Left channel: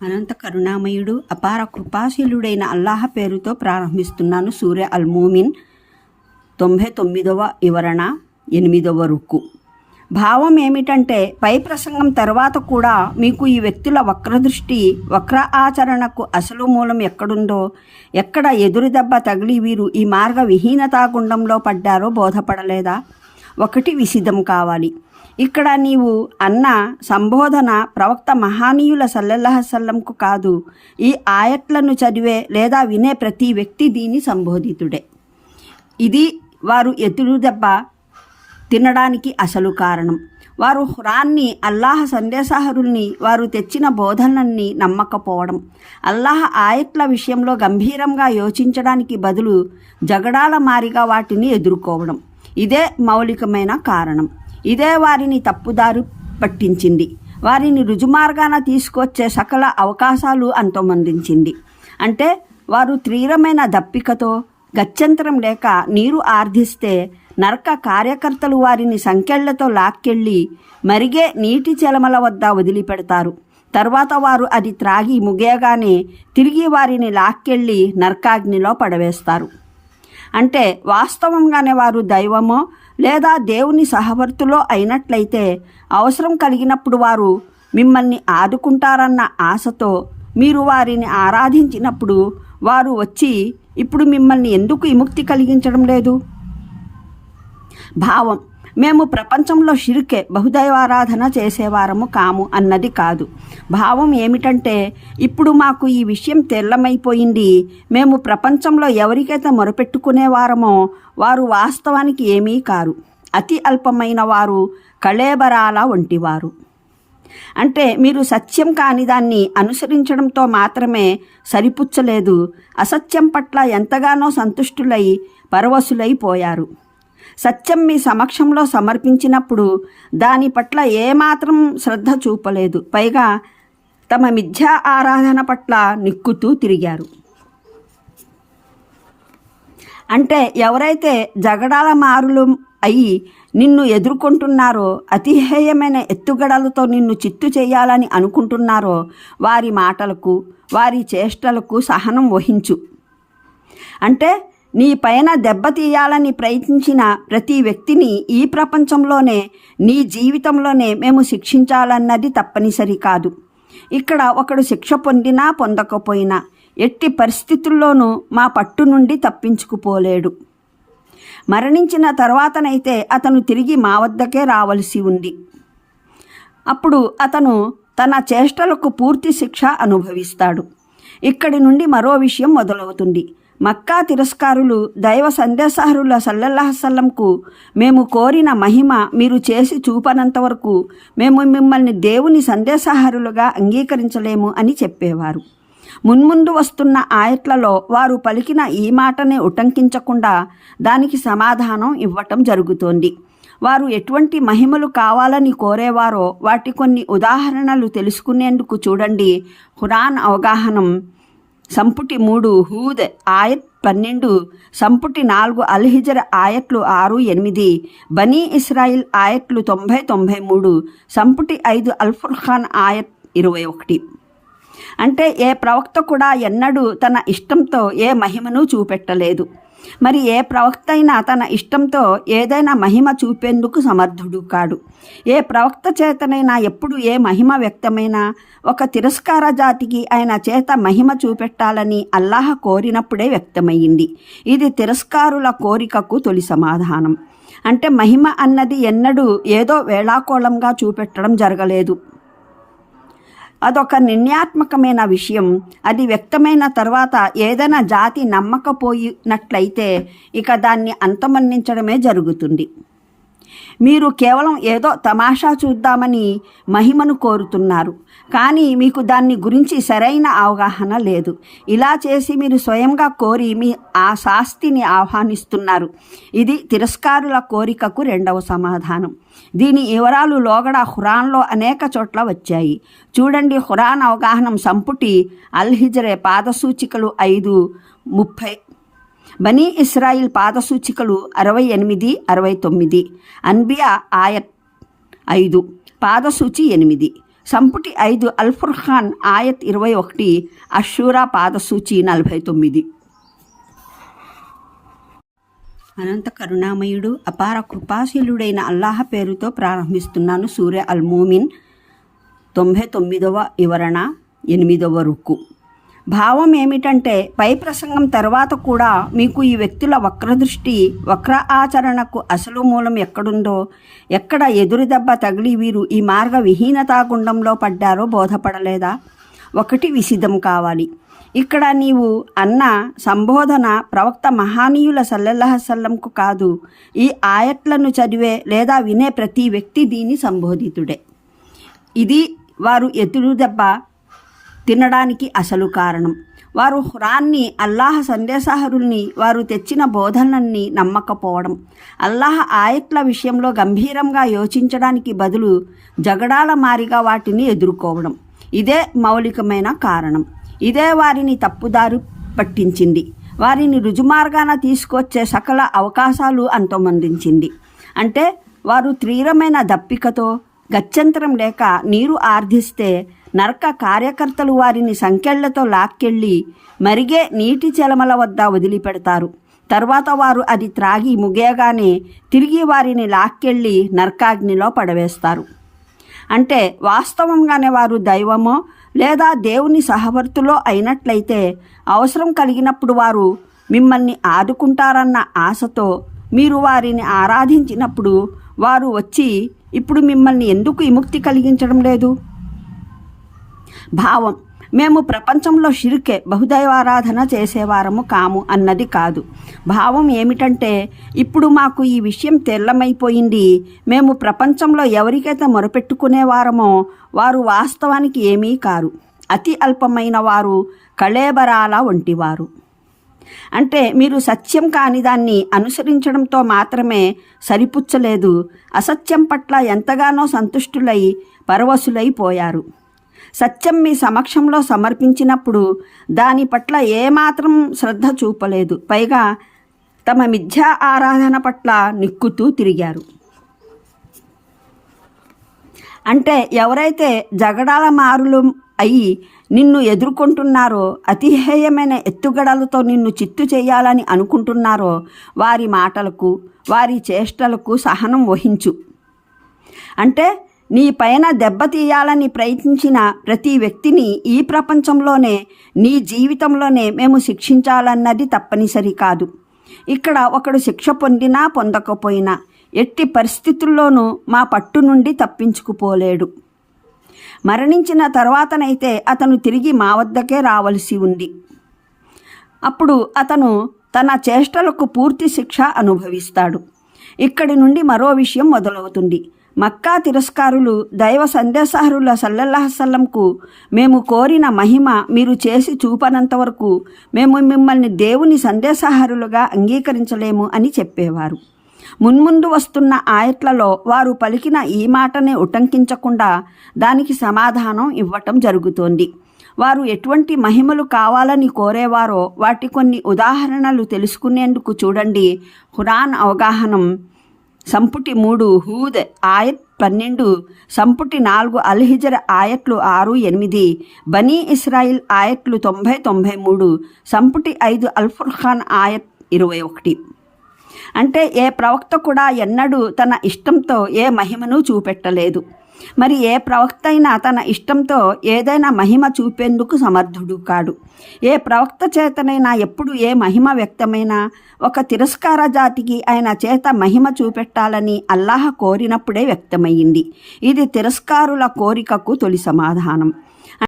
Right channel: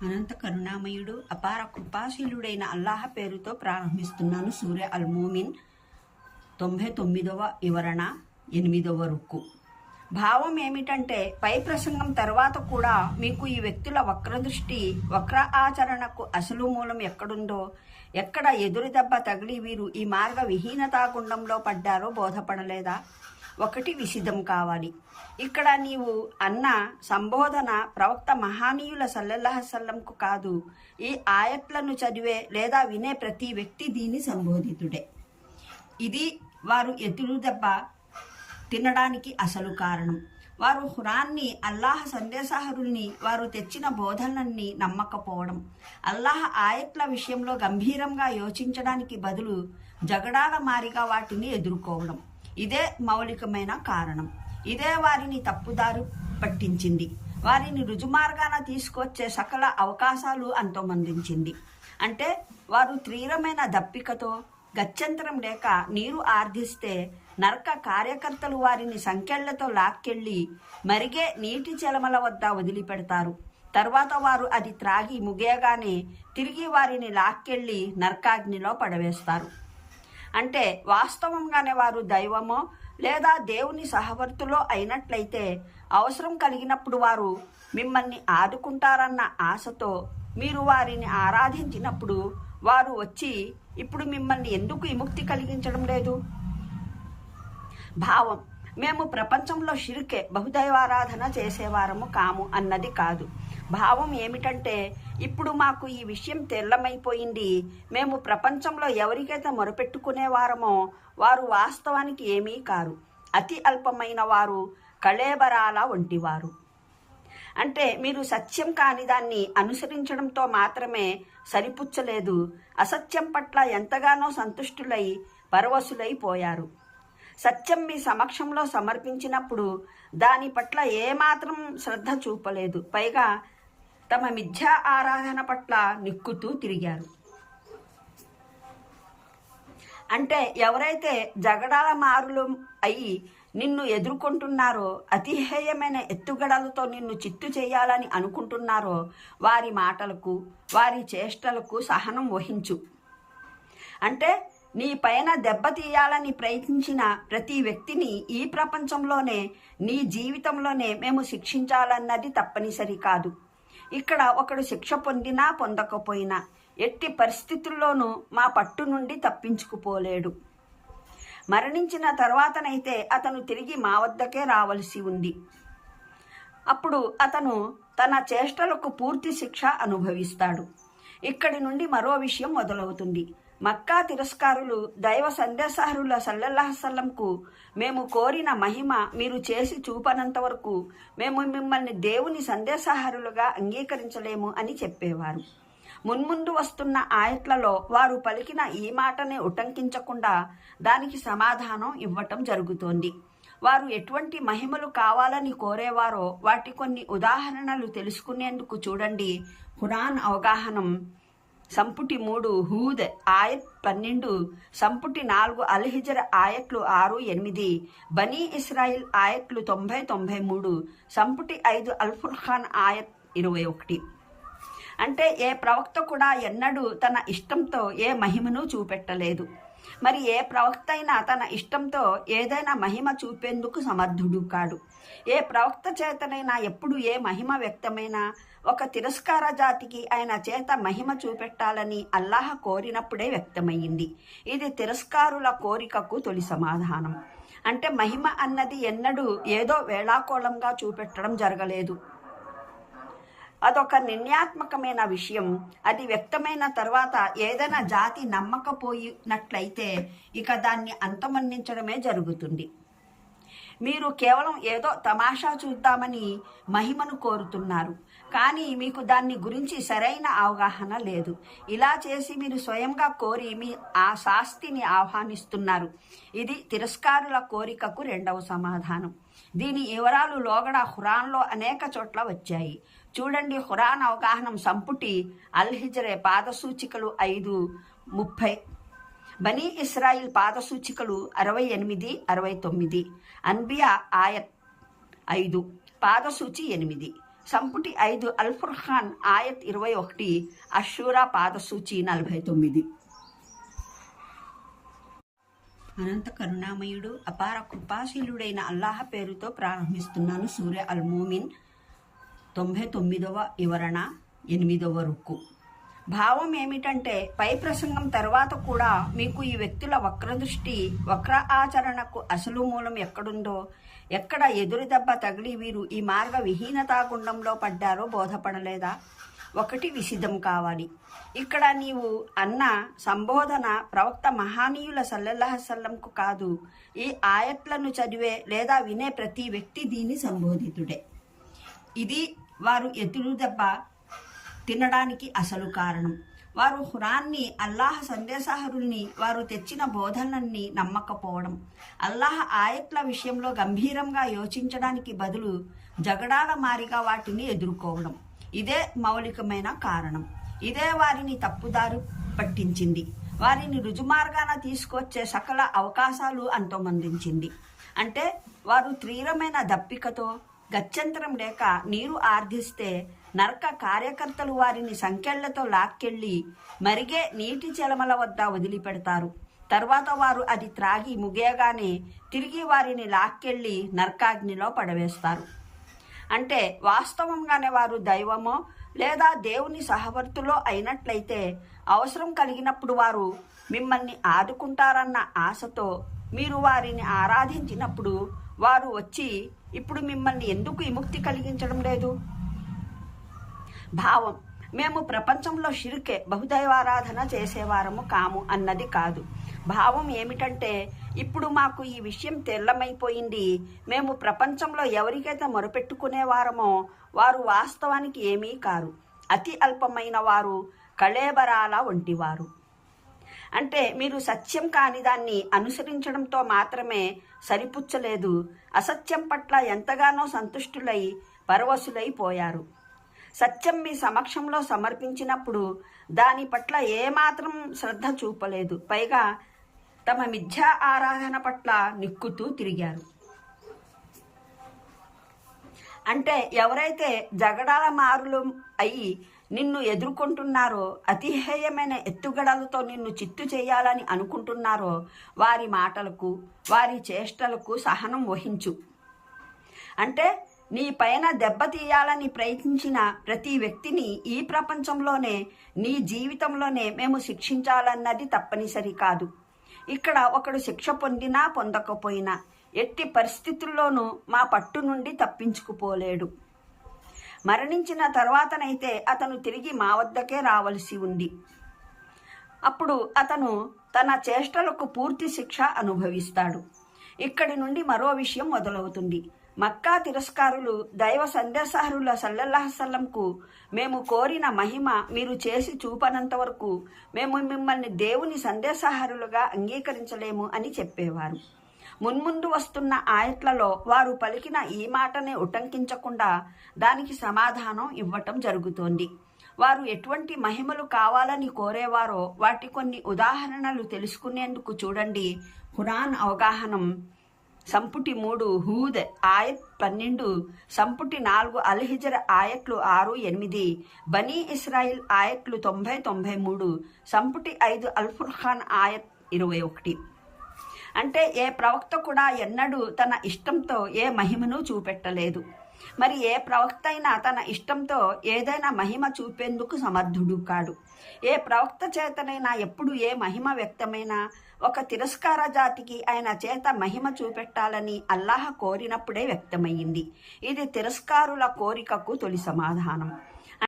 అనంత కరుణామయుడు అపార కృపాశీలుడైన అల్లాహ పేరుతో ప్రారంభిస్తున్నాను సూర్య అల్మోమిన్ తొంభై తొమ్మిదవ వివరణ ఎనిమిదవ రుక్కు భావం ఏమిటంటే పై ప్రసంగం తర్వాత కూడా మీకు ఈ వ్యక్తుల వక్రదృష్టి వక్ర ఆచరణకు అసలు మూలం ఎక్కడుందో ఎక్కడ ఎదురుదెబ్బ తగిలి వీరు ఈ మార్గ విహీనతా గుండంలో పడ్డారో బోధపడలేదా? ఒకటి విసిద్ధం కావాలి. ఇక్కడ నీవు అన్న సంబోధన ప్రవక్త మహానీయుల సల్లల్లాహసల్లంకు కాదు. ఈ ఆయట్లను చదివే లేదా వినే ప్రతి వ్యక్తి దీని సంబోధితుడే. ఇది వారు ఎదురు దెబ్బ తినడానికి అసలు కారణం. వారు హురాన్ని అల్లాహ సందేశాహరుల్ని వారు తెచ్చిన బోధనల్ని నమ్మకపోవడం. అల్లాహ ఆయట్ల విషయంలో గంభీరంగా యోచించడానికి బదులు జగడాల మారిగా వాటిని ఎదుర్కోవడం. ఇదే మౌలికమైన కారణం. ఇదే వారిని తప్పుదారు పట్టించింది. వారిని రుజుమార్గాన తీసుకొచ్చే సకల అవకాశాలు అంతమొందించింది. అంటే వారు తీవ్రమైన దప్పికతో గత్యంతరం లేక నీరు ఆర్ధిస్తే నరక కార్యకర్తలు వారిని సంకెళ్ళతో లాక్కెళ్ళి మరిగే నీటి చెలమల వద్ద వదిలిపెడతారు. తర్వాత వారు అది త్రాగి ముగియగానే తిరిగి వారిని లాక్కెళ్ళి నరకాగ్నిలో పడవేస్తారు. అంటే వాస్తవంగానే వారు దైవమో లేదా దేవుని సహవర్తులో అయినట్లయితే అవసరం కలిగినప్పుడు వారు మిమ్మల్ని ఆదుకుంటారన్న ఆశతో మీరు వారిని ఆరాధించినప్పుడు వారు వచ్చి ఇప్పుడు మిమ్మల్ని ఎందుకు విముక్తి కలిగించడం లేదు? భావం. మేము ప్రపంచంలో షిరికే బహుదైవారాధన చేసేవారము కాము అన్నది కాదు. భావం ఏమిటంటే ఇప్పుడు మాకు ఈ విషయం తెల్లమైపోయింది. మేము ప్రపంచంలో ఎవరికైతే మొరపెట్టుకునేవారమో వారు వాస్తవానికి ఏమీ కారు. అతి అల్పమైన వారు కళేబరాల వంటివారు. అంటే మీరు సత్యం కాని దాన్ని అనుసరించడంతో మాత్రమే సరిపుచ్చలేదు. అసత్యం పట్ల ఎంతగానో సంతుష్టులై పరవశులైపోయారు సత్యం మీ సమక్షంలో సమర్పించినప్పుడు దాని పట్ల ఏమాత్రం శ్రద్ధ చూపలేదు. పైగా తమ మిథ్యా ఆరాధన పట్ల నిక్కుతూ తిరిగారు. అంటే ఎవరైతే జగడాల మారులు అయి నిన్ను ఎదుర్కొంటున్నారో అతిహేయమైన ఎత్తుగడలతో నిన్ను చిత్తు చేయాలని అనుకుంటున్నారో వారి మాటలకు వారి చేష్టలకు సహనం వహించు. అంటే నీ పైన దెబ్బతీయాలని ప్రయత్నించిన ప్రతి వ్యక్తిని ఈ ప్రపంచంలోనే నీ జీవితంలోనే మేము శిక్షించాలన్నది తప్పనిసరి కాదు. ఇక్కడ ఒకడు శిక్ష పొందినా పొందకపోయినా ఎట్టి పరిస్థితుల్లోనూ మా పట్టు నుండి తప్పించుకుపోలేడు. మరణించిన తర్వాతనైతే అతను తిరిగి మా వద్దకే రావలసి ఉంది. అప్పుడు అతను తన చేష్టలకు పూర్తి శిక్ష అనుభవిస్తాడు. ఇక్కడి నుండి మరో విషయం మొదలవుతుంది. మక్కా తిరస్కారులు దైవ సందేశహరుల సల్లల్లాహసల్లంకు మేము కోరిన మహిమ మీరు చేసి చూపనంత వరకు మేము మిమ్మల్ని దేవుని సందేశహరులుగా అంగీకరించలేము అని చెప్పేవారు. మున్ముందు వస్తున్న ఆయట్లలో వారు పలికిన ఈ మాటనే ఉటంకించకుండా దానికి సమాధానం ఇవ్వటం జరుగుతోంది. వారు ఎటువంటి మహిమలు కావాలని కోరేవారో వాటి కొన్ని ఉదాహరణలు తెలుసుకునేందుకు చూడండి. హురాన్ అవగాహనం సంపుటి మూడు హూద్ ఆయత్ పన్నెండు సంపుటి నాలుగు అల్హిజర్ ఆయట్లు ఆరు ఎనిమిది బనీ ఇస్రాయిల్ ఆయట్లు తొంభై తొంభై మూడు సంపుటి ఐదు అల్ఫుర్ఖాన్ ఆయత్ ఇరవై ఒకటి. అంటే ఏ ప్రవక్త కూడా ఎన్నడూ తన ఇష్టంతో ఏ మహిమను చూపెట్టలేదు. మరి ఏ ప్రవక్త అయినా తన ఇష్టంతో ఏదైనా మహిమ చూపేందుకు సమర్థుడు కాడు. ఏ ప్రవక్త చేతనైనా ఎప్పుడు ఏ మహిమ వ్యక్తమైనా ఒక తిరస్కార జాతికి ఆయన చేత మహిమ చూపెట్టాలని అల్లాహ కోరినప్పుడే వ్యక్తమయ్యింది. ఇది తిరస్కారుల కోరికకు తొలి సమాధానం. అంటే మహిమ అన్నది ఎన్నడూ ఏదో వేళాకోళంగా చూపెట్టడం జరగలేదు. అదొక నిర్ణయాత్మకమైన విషయం. అది వ్యక్తమైన తర్వాత ఏదైనా జాతి నమ్మకపోయినట్లయితే ఇక దాన్ని అంతమన్నించడమే జరుగుతుంది. మీరు కేవలం ఏదో తమాషా చూద్దామని మహిమను కోరుతున్నారు. కానీ మీకు దాన్ని గురించి సరైన అవగాహన లేదు. ఇలా చేసి మీరు స్వయంగా కోరి మీ ఆ శాస్తిని ఆహ్వానిస్తున్నారు. ఇది తిరస్కారుల కోరికకు రెండవ సమాధానం. దీని వివరాలు లోగడ హురాన్లో అనేక చోట్ల వచ్చాయి. చూడండి హురాన్ అవగాహనం సంపుటి అల్హిజరే పాదసూచికలు ఐదు ముప్పై బనీ ఇస్రాయిల్ పాదసూచికలు అరవై ఎనిమిది అరవై తొమ్మిది అన్బియా ఆయత్ ఐదు పాదసూచి ఎనిమిది సంపుటి ఐదు అల్ఫుర్ఖాన్ ఆయత్ ఇరవై ఒకటి అషూరా పాదసూచి నలభై తొమ్మిది. అనంత కరుణామయుడు అపార కృపాశీలుడైన అల్లాహ పేరుతో ప్రారంభిస్తున్నాను సూర్య అల్మోమిన్ తొంభై తొమ్మిదవ వివరణ ఎనిమిదవ రుక్కు భావం ఏమిటంటే పై ప్రసంగం తర్వాత కూడా మీకు ఈ వ్యక్తుల వక్రదృష్టి వక్ర ఆచరణకు అసలు మూలం ఎక్కడుందో ఎక్కడ ఎదురు దెబ్బ తగిలి వీరు ఈ మార్గ విహీనతా గుండంలో పడ్డారో బోధపడలేదా? ఒకటి విసిద్ధం కావాలి. ఇక్కడ నీవు అన్న సంబోధన ప్రవక్త మహానీయుల సల్లెల్లహసల్లంకు కాదు ఈ ఆయట్లను చదివే లేదా వినే ప్రతి వ్యక్తి దీని సంబోధితుడే. ఇది వారు ఎదురు దెబ్బ తినడానికి అసలు కారణం. వారు హురాన్ని అల్లాహ సందేశహరుల్ని వారు తెచ్చిన బోధనల్ని నమ్మకపోవడం. అల్లాహ ఆయట్ల విషయంలో గంభీరంగా యోచించడానికి బదులు జగడాల మారిగా వాటిని ఎదుర్కోవడం. ఇదే మౌలికమైన కారణం. ఇదే వారిని తప్పుదారు పట్టించింది. వారిని రుజుమార్గాన తీసుకొచ్చే సకల అవకాశాలు అంతమొందించింది. అంటే వారు తీవ్రమైన దప్పికతో గత్యంతరం లేక నీరు ఆర్ధిస్తే నరక కార్యకర్తలు వారిని సంకెళ్ళతో లాక్కెళ్ళి మరిగే నీటి చెలమల వద్ద వదిలిపెడతారు. తర్వాత వారు అది త్రాగి ముగియగానే తిరిగి వారిని లాక్కెళ్ళి నరకాగ్నిలో పడవేస్తారు. అంటే వాస్తవంగానే వారు దైవమో లేదా దేవుని సహవర్తులో అయినట్లయితే అవసరం కలిగినప్పుడు వారు మిమ్మల్ని ఆదుకుంటారన్న ఆశతో మీరు వారిని ఆరాధించినప్పుడు వారు వచ్చి ఇప్పుడు మిమ్మల్ని ఎందుకు విముక్తి కలిగించడం లేదు? భావం. మేము ప్రపంచంలో షిరికే బహుదైవారాధన చేసేవారము కాము అన్నది కాదు. భావం ఏమిటంటే ఇప్పుడు మాకు ఈ విషయం తెల్లమైపోయింది. మేము ప్రపంచంలో ఎవరికైతే మొరపెట్టుకునేవారమో వారు వాస్తవానికి ఏమీ కారు. అతి అల్పమైన వారు కళేబరాల వంటివారు. అంటే మీరు సత్యం కాని దాన్ని అనుసరించడంతో మాత్రమే సరిపుచ్చలేదు. అసత్యం పట్ల ఎంతగానో సంతుష్టులై పరవశులైపోయారు సత్యం మీ సమక్షంలో సమర్పించినప్పుడు దాని పట్ల ఏమాత్రం శ్రద్ధ చూపలేదు. పైగా తమ మిథ్యా ఆరాధన పట్ల నిక్కుతూ తిరిగారు. అంటే ఎవరైతే జగడాల మారులు అయి నిన్ను ఎదుర్కొంటున్నారో అతిహేయమైన ఎత్తుగడలతో నిన్ను చిత్తు చేయాలని అనుకుంటున్నారో వారి మాటలకు వారి చేష్టలకు సహనం వహించు. అంటే నీ పైన దెబ్బతీయాలని ప్రయత్నించిన ప్రతి వ్యక్తిని ఈ ప్రపంచంలోనే నీ జీవితంలోనే మేము శిక్షించాలన్నది తప్పనిసరి కాదు. ఇక్కడ ఒకడు శిక్ష పొందినా పొందకపోయినా ఎట్టి పరిస్థితుల్లోనూ మా పట్టు నుండి తప్పించుకుపోలేడు. మరణించిన తర్వాతనైతే అతను తిరిగి మా వద్దకే రావలసి ఉంది. అప్పుడు అతను తన చేష్టలకు పూర్తి శిక్ష అనుభవిస్తాడు. ఇక్కడి నుండి మరో విషయం మొదలవుతుంది. మక్కా తిరస్కారులు దైవ సందేశహరుల సల్లల్లాహసల్లంకు మేము కోరిన మహిమ మీరు చేసి చూపనంత వరకు మేము మిమ్మల్ని దేవుని సందేశహరులుగా అంగీకరించలేము అని చెప్పేవారు. మున్ముందు వస్తున్న ఆయట్లలో వారు పలికిన ఈ మాటనే ఉటంకించకుండా దానికి సమాధానం ఇవ్వటం జరుగుతోంది. వారు ఎటువంటి మహిమలు కావాలని కోరేవారో వాటి కొన్ని ఉదాహరణలు తెలుసుకునేందుకు చూడండి. హురాన్ అవగాహనం సంపుటి మూడు హూద్ ఆయత్ పన్నెండు సంపుటి నాలుగు అల్హిజర్ ఆయట్లు ఆరు ఎనిమిది బనీ ఇస్రాయిల్ ఆయట్లు తొంభై తొంభై మూడు సంపుటి ఐదు అల్ఫుర్ఖాన్ ఆయత్ ఇరవై ఒకటి. అంటే ఏ ప్రవక్త కూడా ఎన్నడూ తన ఇష్టంతో ఏ మహిమను చూపెట్టలేదు. మరి ఏ ప్రవక్త అయినా తన ఇష్టంతో ఏదైనా మహిమ చూపేందుకు సమర్థుడు కాడు. ఏ ప్రవక్త చేతనైనా ఎప్పుడు ఏ మహిమ వ్యక్తమైనా ఒక తిరస్కార జాతికి ఆయన చేత మహిమ చూపెట్టాలని అల్లాహ కోరినప్పుడే వ్యక్తమయ్యింది. ఇది తిరస్కారుల కోరికకు తొలి సమాధానం.